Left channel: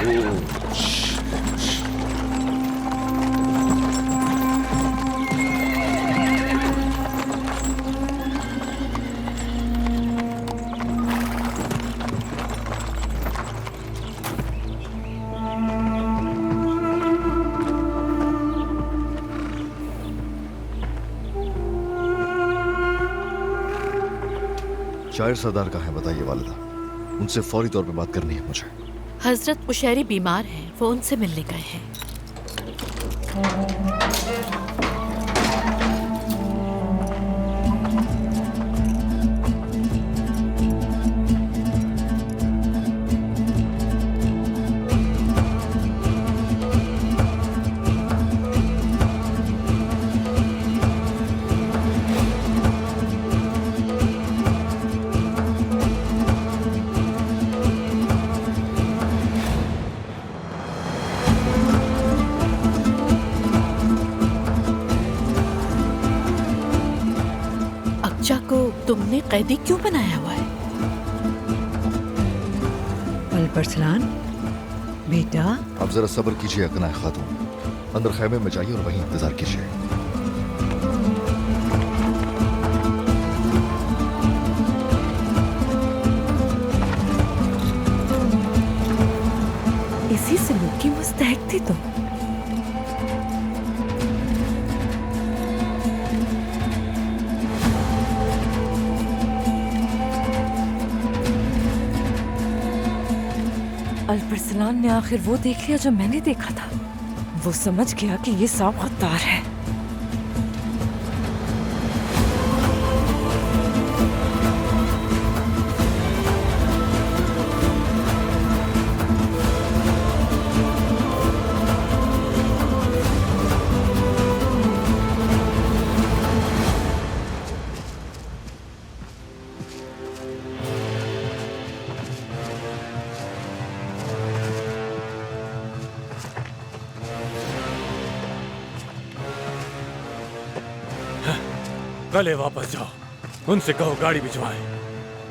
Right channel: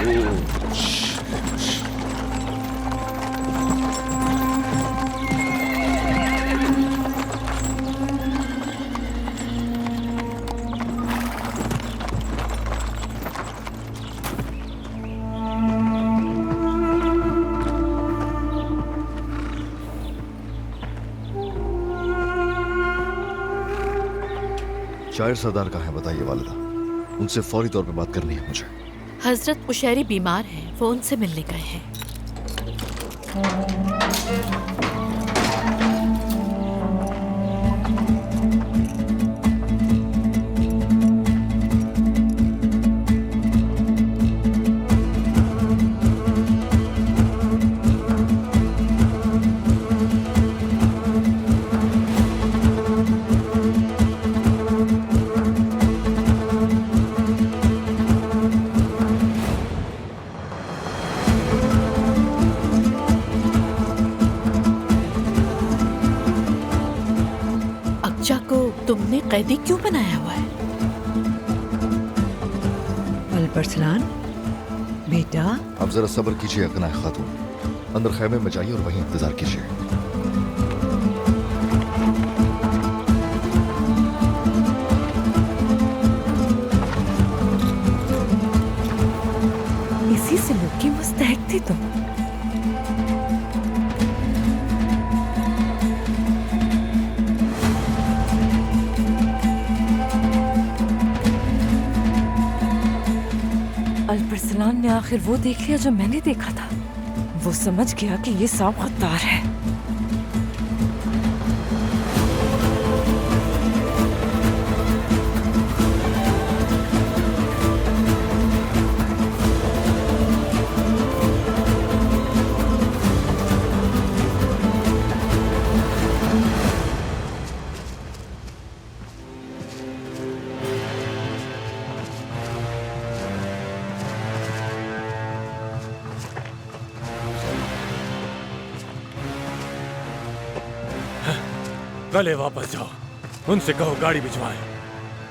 शायर सरदार कहाँ है बताइए वालिदा, उनसे फौरी तौर पे बात करनी है मुझे। हजरत कुशैरी बीमार हैं, वो उनसे मिलने गए हैं। अक्जा को तुमने कैदी क्यों बनाया हुआ है? अल्परसलान बेटा, आप जरा सब्र कीजिए अकना खातून, अंदर खैमे में जाइए और वहीं इंतजार कीजिए। इसी सलूक की मुस्तहक थी तुम। अल्परसलान ने आखिर वो देख लिया जो मैंने देखा था। वो समझ गया कि ये सांप गद्दार है। कल वापस जाओ, उनसे कहो गाड़ी भिजवाएं,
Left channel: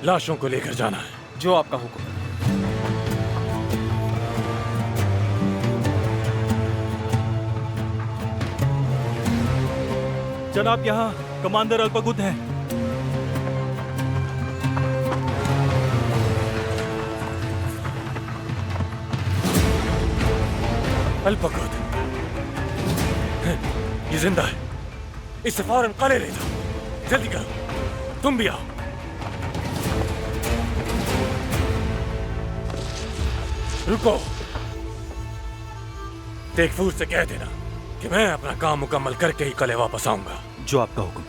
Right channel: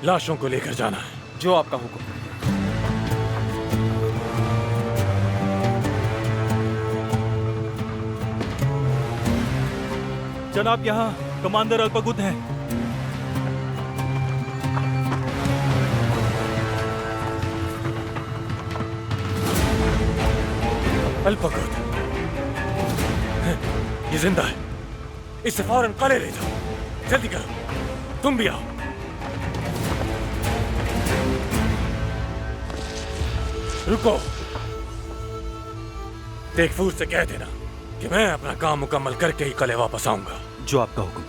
लाशों को लेकर जाना है। जो आपका हुक्म। जनाब, यहाँ कमांडर अल्पगुद हैं। अल्पगुद ये जिंदा है, इसे फौरन कले ले जाओ। जल्दी करो, तुम भी आओ। रुको, तेगफूर से कह देना कि मैं अपना काम मुकम्मल करके ही कले वापस आऊंगा। जो आपका हुक्म।